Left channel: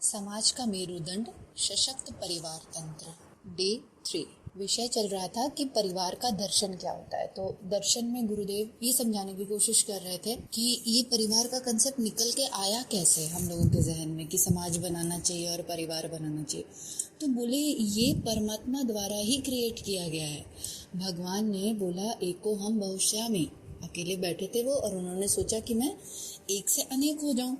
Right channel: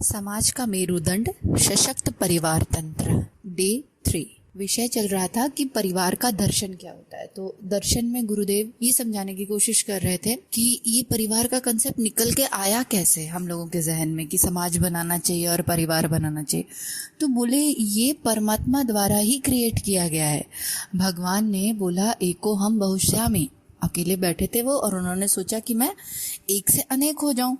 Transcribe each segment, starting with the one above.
समाज का मेरुदंड सशक्त परिवार तंत्र। डे 3 विषय चल रहा था कि परिवार का दर्शन क्या होता है। तो दर्शन में गुरुदेव ये समझाने की कोशिश कर रहे थे कि ये परिवार का कंसेप्ट निकल के आया कैसे हम लोगों के जहन में कि समाज बनाना चाहिए और परिवार बनाना चाहिए। तो बोले ये परमात्मा द्वारा ही क्रिएट किया गया है। भगवान ने बोला एको हम बहुश्यामी, अकेले बैठे थे वो और उन्होंने सोचा कि मैं एक से अनेक हो जाऊं।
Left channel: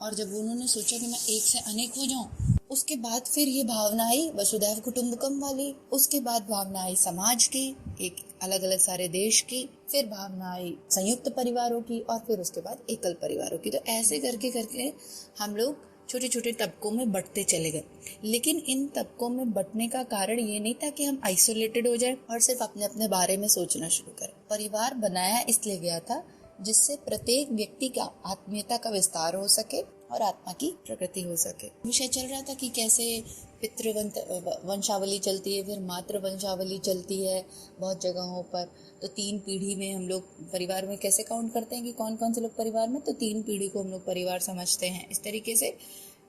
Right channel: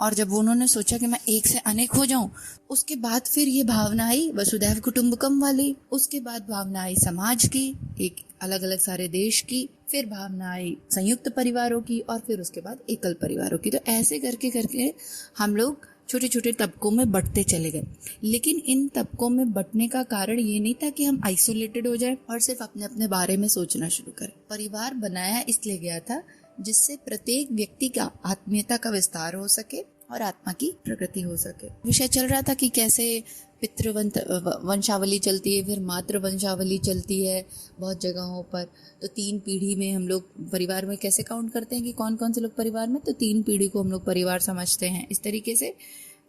और जब उन्होंने सोचा कि मैं एक से अनेक हो जाऊं, उसके बाद फिर ये भावना आई वसुधैव कुटुंबकम वाली, उसके बाद भावना आई समाज की, एक अलग अलग सारे देश की, फिर भावना आई संयुक्त परिवारों की और फिर उसके बाद एकल परिवारों की। तो ऐसे करके करके हम लोग छोटे छोटे तबकों में बंटते चले गए। लेकिन इन तबकों में बंटने का कारण ये नहीं था कि हम आइसोलेटेड हो जाए और सिर्फ अपने अपने बारे में सोचना शुरू करें। परिवार बनाया इसलिए गया था जिससे प्रत्येक व्यक्ति का आत्मीयता का विस्तार हो सके और आत्मा की प्रकृति हो सके। विषय चल रहा था कि कैसे वंशावली चलती है, फिर मातृ वंशावली चलती है बहुत जगहों पर। तो 3 पीढ़ी में हम लोग परिवार में कैसे काउंट करते हैं कि कौन कौन से लोग परिवार में, तो 3 पीढ़ी को हम लोग परिवार समझते हैं। इस तरीके से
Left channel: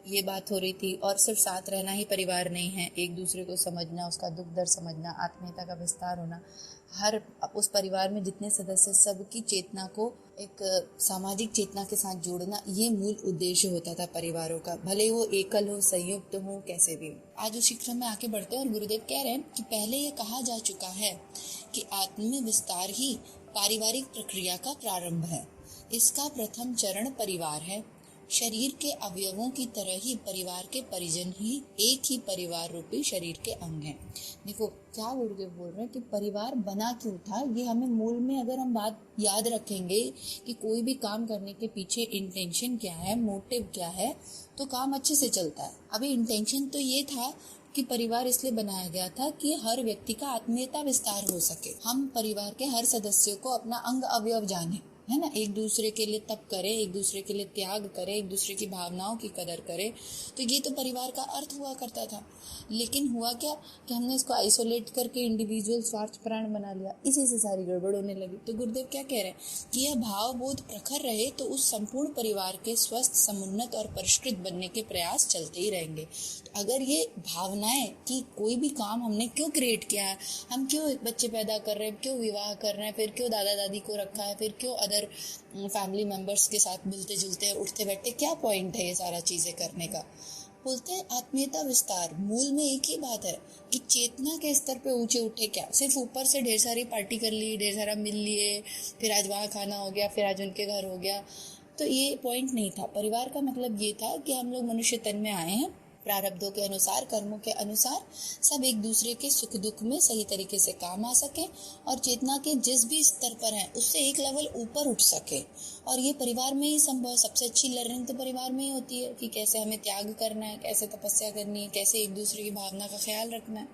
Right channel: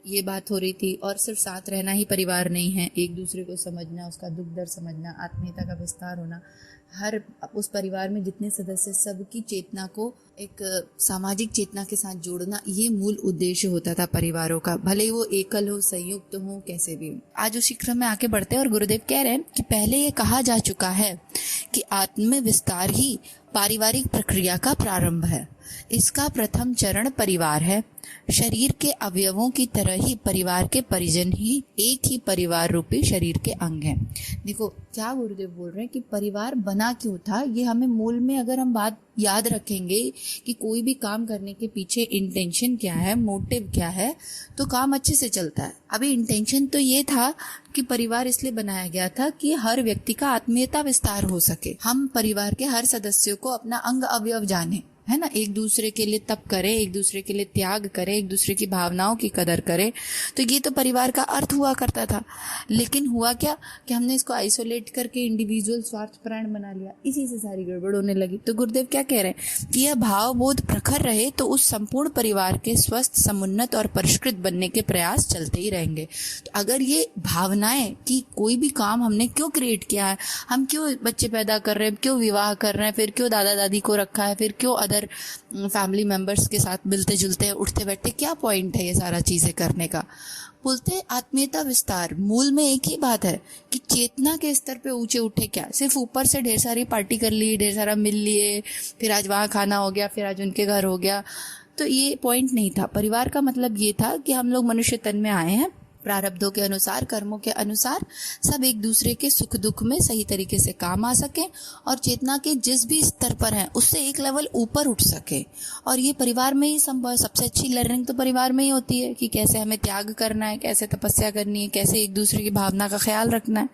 ये बात हो रही थी। और सिर्फ साथ रहना ही परिवार नहीं है, एक दूसरे को समझना, उसका दुख दर्द समझना, आत्मीयता का विस्तार होना, हर उस परिवार में जितने सदस्य सबकी चेतना को एक सामाजिक चेतना के साथ जोड़ना, ये मूल उद्देश्य होता था परिवारों का, भले वो एकल हो, संयुक्त हो, कैसे भी हो। आज उसी क्रम में आगे बढ़ते हैं और गुरुदेव कह रहे हैं कि पहले ये कहा जा चुका है कि आत्म विस्तार ही पारिवारिक प्रक्रिया का प्रारंभ है। इसका प्रथम चरण परिवार है। शरीर के अवयवों की तरह ही परिवार के परिजन ही एक ही परिवार रूपी शरीर के अंग हैं। देखो क्या गुरुदेव बोल रहे हैं कि परिवार बना क्यों था, ये हमें मूल में अगर हम बात याद रखेंगे कि कोई भी काम करने के पीछे इंटेंशन क्या है, मोटिव क्या है, तो काम अच्छे से चलता है। अभी इंटेंशन तो ये था कि परिवार इसलिए बनाया गया था कि हर व्यक्ति का आत्मीयता विस्तार हो सके, हम परिवार के हर सदस्यों को अपना अंग अवयव जाने, है ना, एक दूसरे के लिए तप करें, एक दूसरे के लिए त्याग करें, एक दूसरे की भावनाओं की कदर करें। तो ये तो परिवार का अर्थ हुआ करता था। लेकिन हुआ क्या कि हमने इसको आइसोलेट करके इंडिविजुअल स्वार्थपरायण बना लिया, इसी से सारी गड़बड़ होने लगी। तो गुरुदेव क्या कह रहे हैं कि यह भाव बोध प्रखर रहे तो उस संपूर्ण परिवार के स्वस्थ, समुन्नत और परिष्कृत बनने के प्रयास चलते ही रहेंगे। तो अगर ये भावनाएं कि कोई भी काम हमने क्यों क्रिएट किया है, हम क्यों बच्चे पैदा कर रहे हैं, क्यों विवाह कर रहे हैं, फिर क्यों दादा दादी को रखा है, फिर क्यों अदर फैमिली मेंबर्स के साथ मिलते जुलते उठते बैठते, क्या पॉइंट है ये सारा चीजें करने का। बोलते हैं आत्मीयता विस्तार। मूल में एक ही बात है कि चेतना के स्तर पे ऊंचे उठे, क्या सिर्फ ऊपर से ढेर सारी पार्टी कर ली, ढेर सारा मिल लिए, फिर आज वहाँ खाना हो गया, फिर आज उनके घर हो गया, तो ये पॉइंट नहीं था। परिवार का मतलब ये था कि हम लोग मनुष्य तन में आए हैं, प्रारब्धों के अनुसार, कर्मों के अनुसार सब एक दूसरे के सुख दुख में सही तरीके से काम आ सके और चेतना के जिस भी स्तर पर हैं उससे एक लेवल ऊपर उठ सके। और ये परिवार में ही संभव है। सबसे अच्छी लर्निंग तो परिवार में ही होती है कि कैसे हमें त्याग करना है, कैसे तपस्या करनी है, कैसे एक दूसरे की भावना का ख्याल रखना है।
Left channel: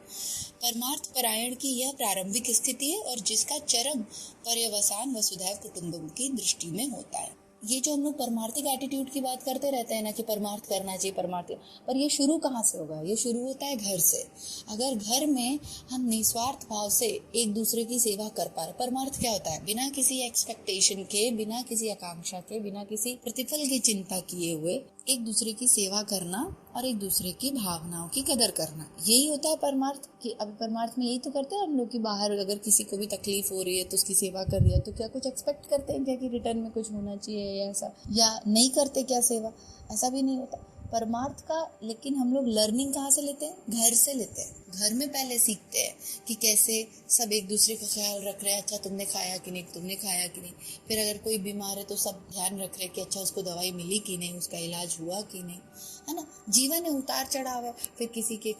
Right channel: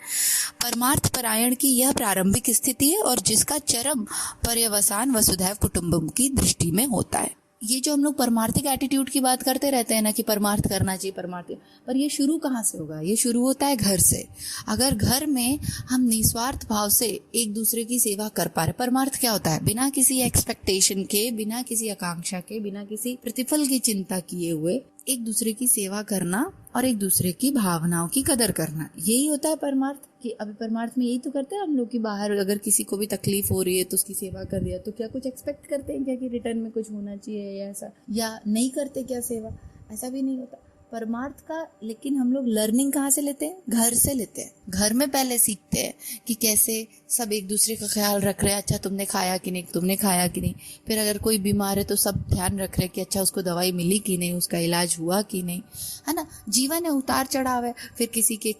परमार्थ परायण की यह प्रारंभिक स्थिति है और जिसका चरम पर्यवसान वसुधैव कुटुंबकम की दृष्टि में होता है। ये जो हम लोग परमार्थिक एटीट्यूड की बात करते रहते हैं ना कि परमार्थ करना चाहिए, परमार्थ, पर ये शुरू कहाँ से होगा? ये शुरू होता है घर से। अगर घर में हम निस्वार्थ भाव से एक दूसरे की सेवा कर पा रहे, परमार्थ क्या होता है? बिना किसी एक्सपेक्टेशन के, बिना किसी आकांक्षा के, बिना किसी प्रतिफल की चिंता किए हुए एक दूसरे की सेवा करना और एक दूसरे की भावनाओं की कदर करना, यही होता है परमार्थ। कि अभी परमार्थ में यही तो करते हैं हम लोग कि बाहर अगर किसी को भी तकलीफ हो रही है तो उसकी सेवा कर दिया, तो क्या कुछ एक्सपेक्ट करते हैं क्या कि रिटर्न में कुछ होना चाहिए या ऐसा, या नहीं करते क्या सेवा? ऐसा भी नहीं होता परमार्थ का। लेकिन हम लोग लर्निंग कहाँ से लेते हैं? घर से लेते हैं। घर में पहले सीखते हैं कि कैसे सब एक दूसरे का ख्याल रख रहे हैं, अच्छा तुमने खाया कि नहीं, तुमने खाया कि नहीं। फिर अगर कोई बीमार है तो सब ध्यान रख रहे हैं कि अच्छा उसको दवाई मिली कि नहीं, उसका इलाज हुआ कि नहीं, है ना। जीवन है, उतार चढ़ाव है। फिर किसी के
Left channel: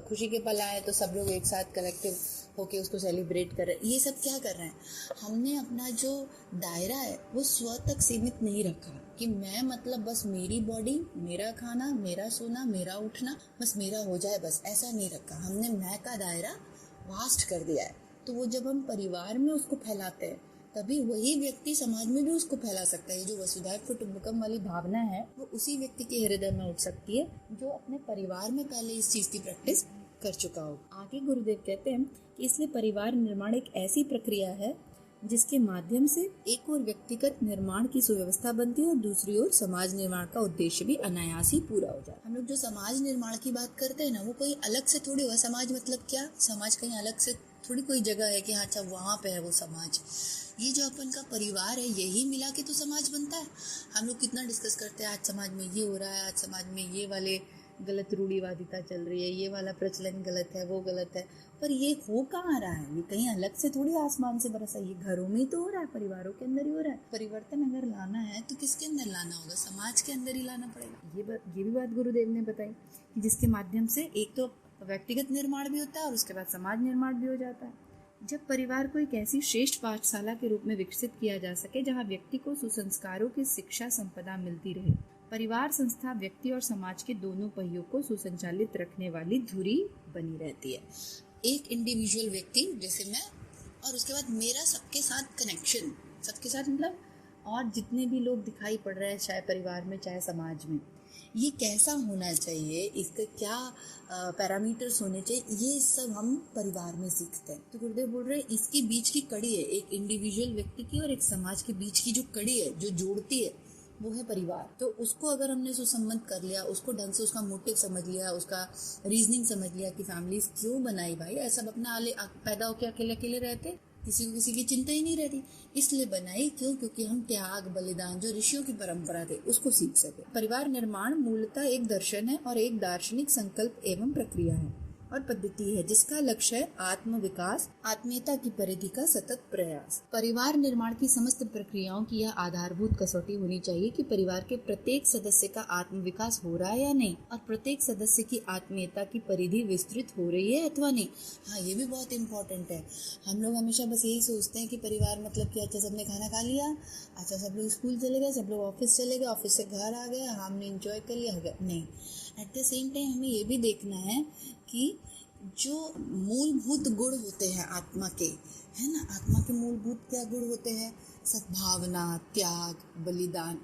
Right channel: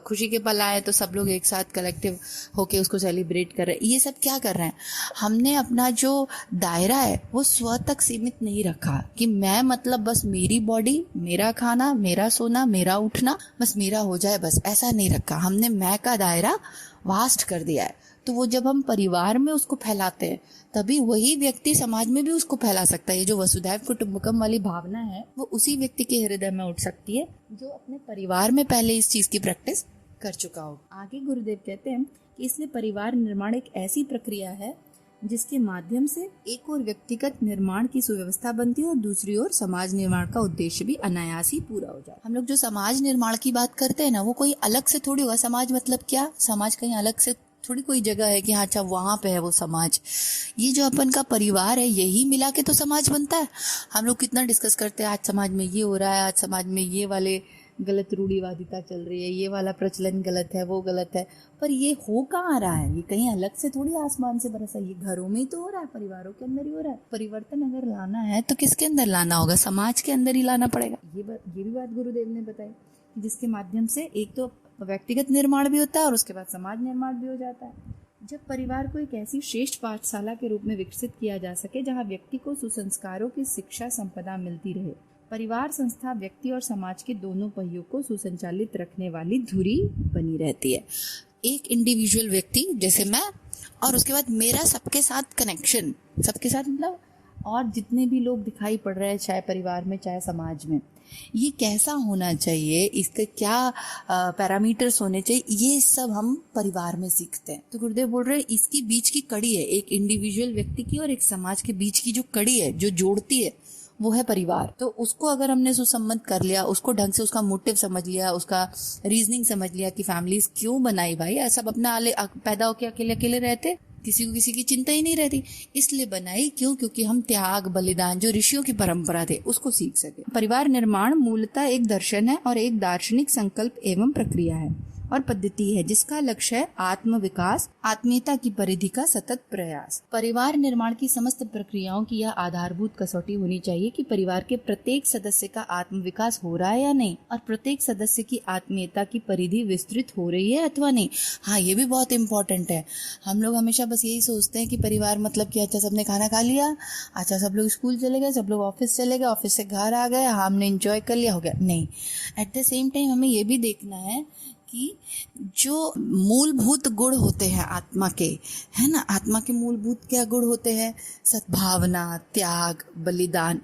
खुशी के पल आए तो सब लोग एक साथ कलेक्टिव होके उसको सेलिब्रेट कर रहे हैं। ये सब क्या कर रहे हैं? हमने अपना जो दायरा है वो स्व तक सीमित नहीं रखा कि मैं मतलब बस मेरी बॉडी, मेरा खाना, मेरा सोना, मेरा उठना, बस मेरा हो जाए, बस ऐसा नहीं रखा। हमने मैं का दायरा वास्ट कर दिया है। तो वो जब हम परिवार में उसको फैलाते हैं तभी वही व्यक्ति समाज में भी उसको फैला सकता है। ये जो वसुधैव कुटुंबकम वाली भावना है वो उसी व्यक्ति के हृदय में उठ सकती है जो अपने परिवार में पहले इस चीज की प्रैक्टिस कर चुका हो। आगे गुरुदेव कहते हैं कि इसलिए परिवार निर्माण एक ऐसी प्रक्रिया है जिसके माध्यम से एक और व्यक्तिगत निर्माण की सुव्यवस्था बनती है और दूसरी ओर समाज निर्माण का उद्देश्य भी अनायास ही पूरा हो जाता है। हम लोग जो समाज निर्माण की बात करते हैं ना, वो कोई अलग से थोड़ी होगा। समाज मतलब क्या? समाज कहीं अलग से थोड़ी कोई जगह है कि हाँ अच्छा वहाँ पे है वो समाज। ये जो अपन का परिवार है, यही मिला के तो समाज बनता है। हम लोग कितना डिस्कस करते हैं, आज समाज में ये हो रहा है, आज समाज में ये वाले गलत रूढ़िवादिता चल रही है, ये वाला प्रचलन गलत है, वो गलत है। पर ये हो कहाँ रहा है? ये कहीं अलग से थोड़ी आसमान से बरसा, ये घरों में ही तो हो रहा है, परिवारों के अंदर ही हो रहा है। परिवर्तन अगर लाना है तो किसके अंदर लाना होगा? समाज के अंदर ही लाना पड़ेगा। ये भी बात गुरुदेव ने बताई, जिसके माध्यम से एक तो व्यक्तिगत निर्माण भी होता है और उसके बाद समाज निर्माण भी हो जाता है। जब परिवार को एक ऐसी श्रेष्ठ पाठशाला के रूप में विकसित किया जा सके जहाँ व्यक्ति को सुसंस्कारों की शिक्षा संपदा मिलती रहे, परिवार संस्था व्यक्ति और समाज के दोनों पहियों को सुसंचालित रखने वाली धुरी बनी रहती है। एक इंडिविजुअल व्यक्ति जैसे मैं, और उसके बाद मेरा सबके साथ कनेक्शन, सबके साथ मतलब और जितने भी लोग दिखाई पड़ रहे हैं, चाहे परिवार में चाहे समाज में, ये कैसा होना चाहिए, इसके क्या पैरामीटर्स होने चाहिए, ये सब हम परिवार में सीखते हैं। तो गुरुदेव बोल रहे हैं इसकी बीच की कड़ी है, एक इंडिविजुअल व्यक्ति की और एक समाज के बीच की जो कड़ी है, जो जोड़ती है, वो है परिवार। तो उसको अगर हमने सुसंबद्ध कर लिया, उसको ढंग से उसका मोटिव समझ लिया, उसका रीजनिंग समझ लिया कि फैमिलीज क्यों बनाई भाई, सब अपना पैदा होके अकेले अकेले रहते, किसी को किसी की चिंता ही नहीं रहती, इसलिए बनाई क्यों? क्योंकि हम त्याग बलिदान जो ऋषियों की परंपरा थे उसको सीख सके। परिवार निर्माण मूलतः एक दर्शन है और एक दार्शनिक संकल्प एवं प्रक्रिया है और पद्धति है जिसका लक्ष्य है आत्म विकास, आत्मीयता की परिधि का सतत प्रयास। परिवार निर्माण की समस्त प्रक्रियाओं की यह आधारभूत कसौटी होनी चाहिए कि परिवार के प्रत्येक सदस्य का आत्म विकास हो रहा है या नहीं, और प्रत्येक सदस्य की आत्मीयता की परिधि विस्तृत हो रही है अथवा नहीं। हाँ, ये भी बहुत इम्पोर्टेंट है। हम लोग हमेशा बस यही सोचते हैं कि परिवार मतलब कि अच्छा सबने खाना खा लिया, अच्छा सब लोग स्कूल चले गए, सब लोग ऑफिस चले गए, ऑफिस से घर आ गए, हमने एंजॉय कर लिया, हो गया। नहीं, एट द सेम टाइम हमें ये भी देखना है कि जो मूलभूत गुण होते हैं आत्मा के, है ना, आत्मा के मूलभूत क्या गुण होते हैं? सद्भावना, त्याग, बलिदान।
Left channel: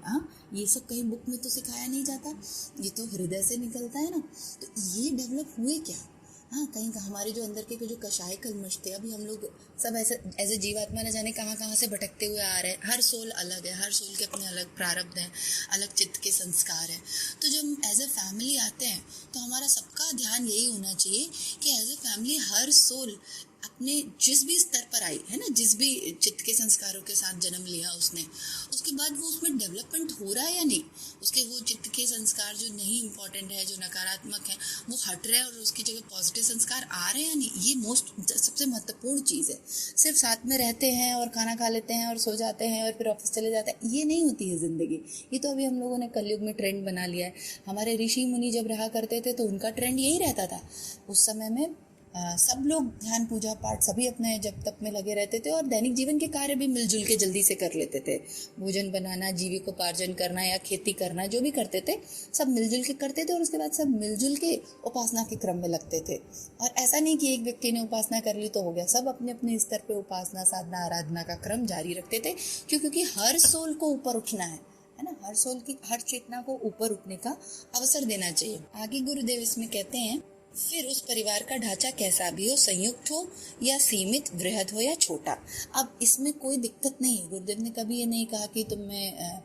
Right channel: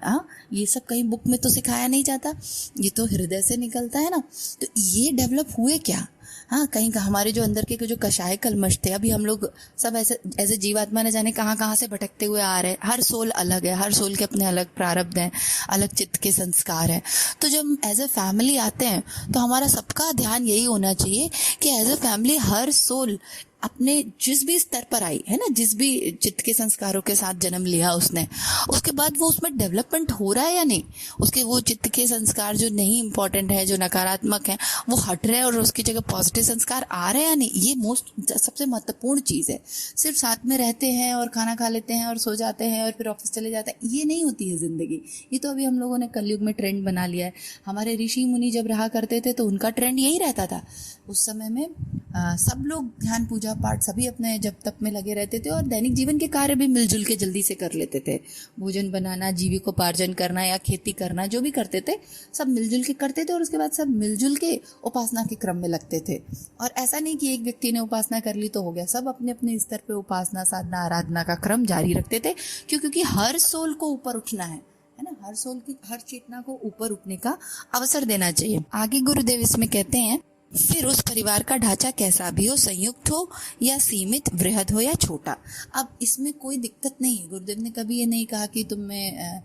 ये सब कहीं बुक में तो सिखाया नहीं जाता, ये तो हृदय से निकलता है ना। तो ये डेवलप हुए क्या? हाँ, कहीं का हमारे जो अंदर के जो कषाय कलमश थे, अभी हम लोग सब ऐसे जीवात्मा ने जाने कहाँ से भटकते हुए आ रहे हैं। हर सोल अलग है, हर सोल के अपने अलग प्रारब्ध हैं, अलग चित्त के संस्कार हैं। तो जब एज ए फैमिली आते हैं तो हमारा सबका ध्यान यही होना चाहिए कि एज ए फैमिली हर सोल अपने जिस भी स्तर पर आई है ना, जिस भी चित्त के संस्कारों के साथ जन्म लिया उसने, उसके बाद वो उसमें डेवलपमेंट हो रहा है या नहीं, उसके वो चित्त के संस्कार जो नहीं इम्पोर्टेंट है, जो नकारात्मक है, वो हट रहे हैं और उसकी जगह पॉजिटिव संस्कार आ रहे हैं या नहीं। ये सबसे महत्वपूर्ण चीज़ है। सिर्फ साथ में रहते हैं और खाना खा लेते हैं और सो जाते हैं और फिर ऑफिस चले जाते हैं, ये नहीं होती है ज़िंदगी। ये तो अभी हम लोगों ने कलयुग में ट्रेंड बना लिया है। हमारे ऋषि मुनि जब रहा करते थे तो उनका ट्रेंड यही रहता था। उस समय में सब लोग ध्यान पूजा पाठ सभी अपने जप तप में लगे रहते थे और दैनिक जीवन के कार्य भी मिलजुल के जल्दी से कर लेते थे। भोजन बनाना, जीविकोपार्जन करना या खेती करना, जो भी करते थे सब मिलजुल के करते थे और उसके बाद सब मिलजुल के उपासना के क्रम में लगते थे। और ऐसा नहीं कि एक व्यक्ति ने उपासना कर ली तो हो गया, सब अपने अपने स्तर पे उपासना, साधना, आराधना का क्रम जारी रखते थे। क्योंकि हर सोल को ऊपर उठना है ना, हर सोल की हर चेतना को ऊपर उठने का अवसर देना चाहिए। आगे गुरुदेव इसमें कहते हैं, फिर उस परिवार का ढांचा कैसा भी हो, संयुक्त हो या सीमित, वृहद हो या छोटा। अब इसमें कोई दिक्कत नहीं है। गुरुदेव ने कभी ये नहीं कहा कि तुम में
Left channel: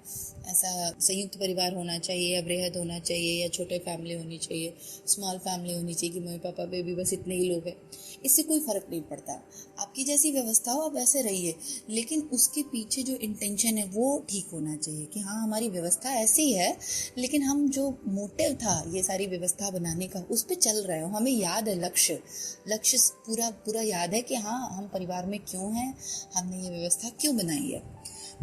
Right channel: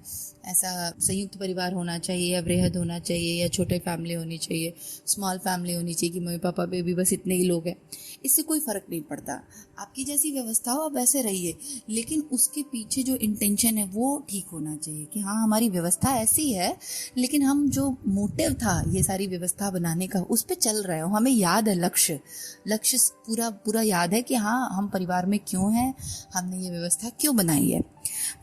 ऐसा संयुक्त परिवार होना चाहिए या वृहद होना चाहिए या छोटे फैमिली होनी चाहिए, स्मॉल फैमिली होनी चाहिए कि मम्मी पापा बेबी बस इतने ही लोग हैं। इससे कोई फ़र्क नहीं पड़ता, आपकी जैसी व्यवस्था हो आप वैसे रहिए, लेकिन उसके पीछे जो इंटेंशन है वो ठीक होना चाहिए कि हाँ हमारी व्यवस्था ऐसी है, लेकिन हम जो मोटिव था ये सारी व्यवस्था बनाने का उस पर चल रहे हो, हमें याद है लक्ष्य पूरा याद है कि हाँ हम परिवार में क्यों हैं, हमने ये व्यवस्था क्यों बनाई है।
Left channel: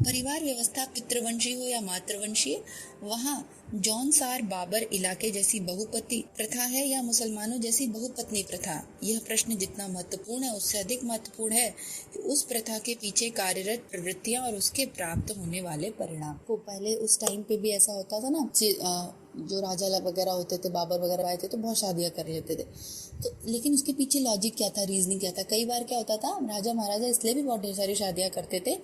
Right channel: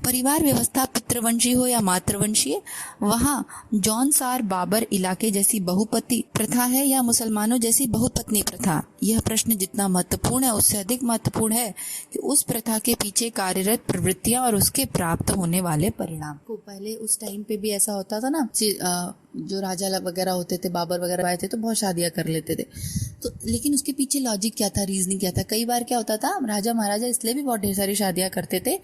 परिवार व्यवस्था पितृवंशी हो या मातृवंशीय, वहाँ जौनसार बाबर इलाके जैसी बहुपति प्रथा है या मुसलमानों जैसी बहुपत्नी प्रथा। यह प्रश्न जितना महत्वपूर्ण है उससे अधिक महत्वपूर्ण है कि उस प्रथा के पीछे कार्यरत प्रवृत्तियां और उसके प्राप्त होने वाले परिणाम को। पहले उस टाइम पे भी ऐसा होता था ना, जो राजा वगैरह होते थे, बाबर वगैरह आए थे तो बहुत शादियां कर लेते थे। तो लेकिन उसके पीछे लॉजिक क्या था, रीजनिंग क्या था? कई बार क्या होता था, राजा महाराजा इसलिए भी बहुत ढेर सारी शादियां करते थे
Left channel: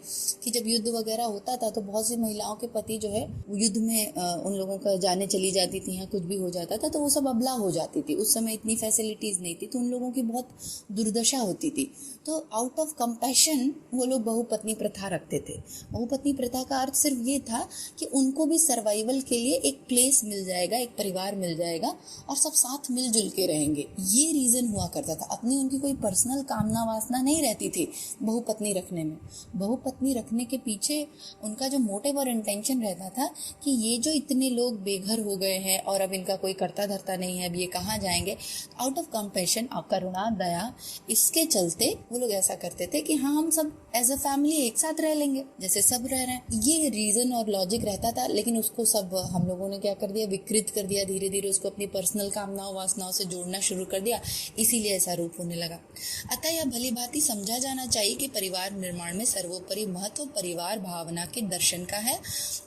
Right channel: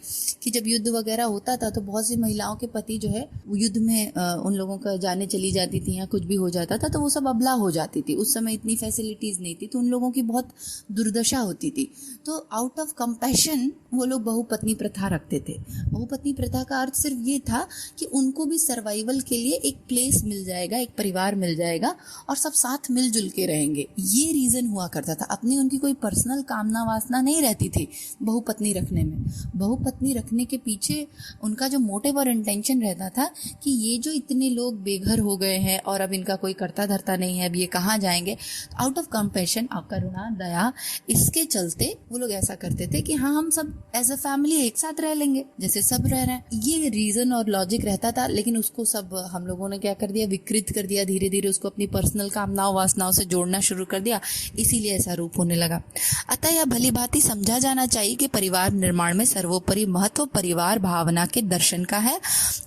कि जब युद्ध वगैरह होता था तो बहुत सी महिलाओं के पति जो है युद्ध में उन लोगों का जाने चली जाती थी या कुछ भी हो जाता था तो वो सब अबला हो जाती थी। उस समय इतनी फैसिलिटीज नहीं थी तो उन लोगों की बहुत दुर्दशा होती थी। तो आउट ऑफ कंपैशन वो लोग बहुपत्नी प्रथा रखते थे। बहुपत्नी प्रथा का अर्थ सिर्फ ये था कि उनको भी सर्वाइवल के लिए एक प्लेस मिल जाएगा, एक परिवार मिल जाएगा और सब साथ मिलजुल के रहेंगे, ये रीजन हुआ करता था। अपनी उनकी कोई पर्सनल कामना वासना नहीं रहती थी बहुपत्नी रखने में। बहुपत्नी रखने के पीछे उनका जो मोटिव और इंटेंशन रहता था कि ये जो इतने लोग बेघर हो गए हैं और अब इनका कोई करता धरता नहीं है, अब ये कहाँ जाएंगे, आउट ऑफ कंपैशन, आप करुणा दया, इसके चलते वो लोग ऐसा करते थे कि हाँ हम सब एज अ फैमिली एक साथ रह लेंगे जैसे सब रह रहे हैं। ये रीजन और लॉजिक रहता था। लेकिन उसको सब हम लोगों ने क्या कर दिया, विकृत कर दिया, धीरे धीरे उसको अपनी पर्सनल कामनाओं वासनाओं से जोड़ना शुरू कर दिया, इसीलिए ऐसा रूप होने लगा। अतः यह भली भांति समझा जाना चाहिए कि परिवार निर्माण में सर्वोपरि महत्व परिवार भावना के दर्शन का है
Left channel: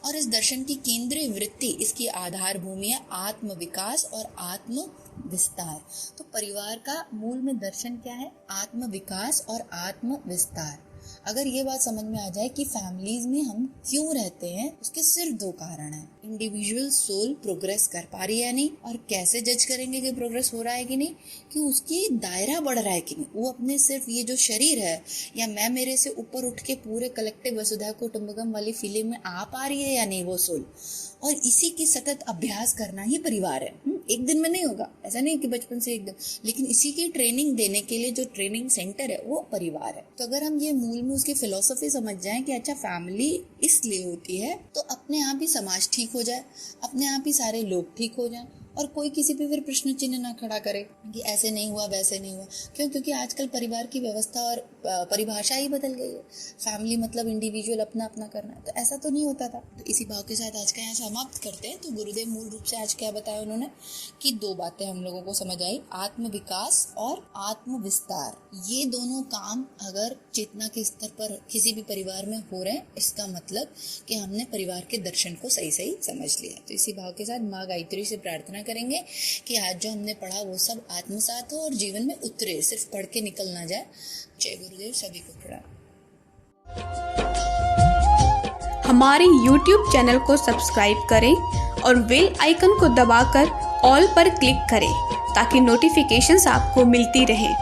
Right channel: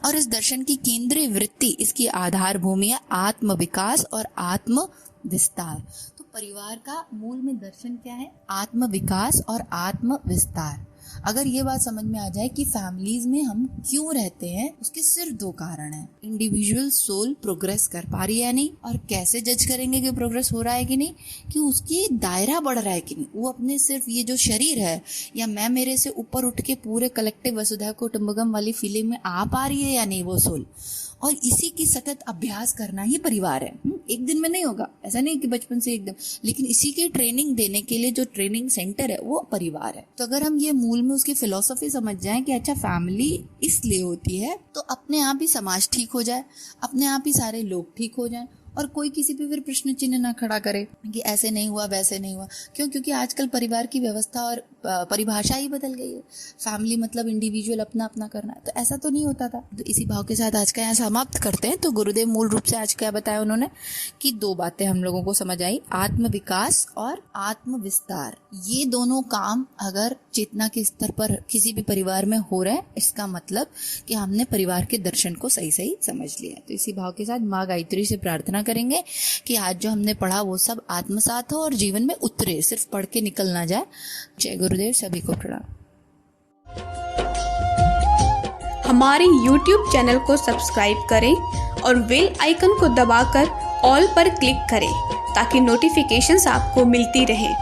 और इस दर्शन की केंद्रीय वृत्ति, इसकी आधार भूमि है आत्म विकास और आत्म विस्तार। तो परिवार का मूल में दर्शन क्या है? आत्म विकास और आत्म विस्तार। अगर ये बात समझ में आ जाए कि फैमिलीज में हम क्यों रहते हैं, उसके सिर्फ दो कारण हैं। इंडिविजुअल सोल प्रोग्रेस कर पा रही है या नहीं, और कैसे जज करेंगे कि प्रोग्रेस हो रहा है कि नहीं, कि उसकी दायरा बढ़ रहा है कि नहीं, वो अपने सिर्फ ये जो शरीर है या मैं मेरे से ऊपर उठ के पूरे कलेक्टिव वसुधैव कुटुंबकम वाली फीलिंग में आ पा रही है या नहीं वो सोल। और इसी की सतत अभ्यास करना ही परिवार है। एक दिन में नहीं होगा, ऐसा नहीं कि बचपन से एकदम, लेकिन इसी की ट्रेनिंग देने के लिए जो ट्रेनिंग सेंटर है वो परिवार है। तो अगर हम ये मूल में उसकी फिलॉसफी समझ जाएं कि अच्छा फैमिली इसलिए होती है, तो अपने आप ही समाज ठीक हो जाए, अपने आप ही सारे लोग ठीक हो जाएं और कोई किसी पे फिर प्रश्न चिन्ह ना खड़ा करे कि ऐसे नहीं हुआ वैसे नहीं हुआ। क्यों? क्योंकि आजकल परिवार की व्यवस्था और परिभाषा ही बदल गई है। फैमिली मतलब इंडिविजुअल अपना अपना करना, तो ऐसा तो नहीं होता था। तो इसी भाव के साथ आज का यहाँ समाप्त करते हैं। तो गुरुदेव मूल रूप से आज क्या बताया उन्होंने कि दो बातें हम लोगों को समझ आई, आत्म विकास और आत्म विस्तार। ये दोनों काम अगर चेतना के स्तर पर किसी भी परिवार में हो रहे हैं, इसका मतलब कि हमने परिवार के दर्शन को सही सही समझ लिया। तो इसी भाव के साथ माँ गायत्री से प्रार्थना करेंगे कि आज जो हमने पढ़ा वो सब आत्मसात हो और जीवन में उतरे, सिर्फ पढ़ के निकल ना जाए। जय गुरुदेव, सभी को प्रणाम। हमारे YouTube चैनल को सब्सक्राइब करें और बेल आइकन को दबाकर ऑल पर क्लिक करें ताकि नोटिफिकेशंस आपको मिलती रहें।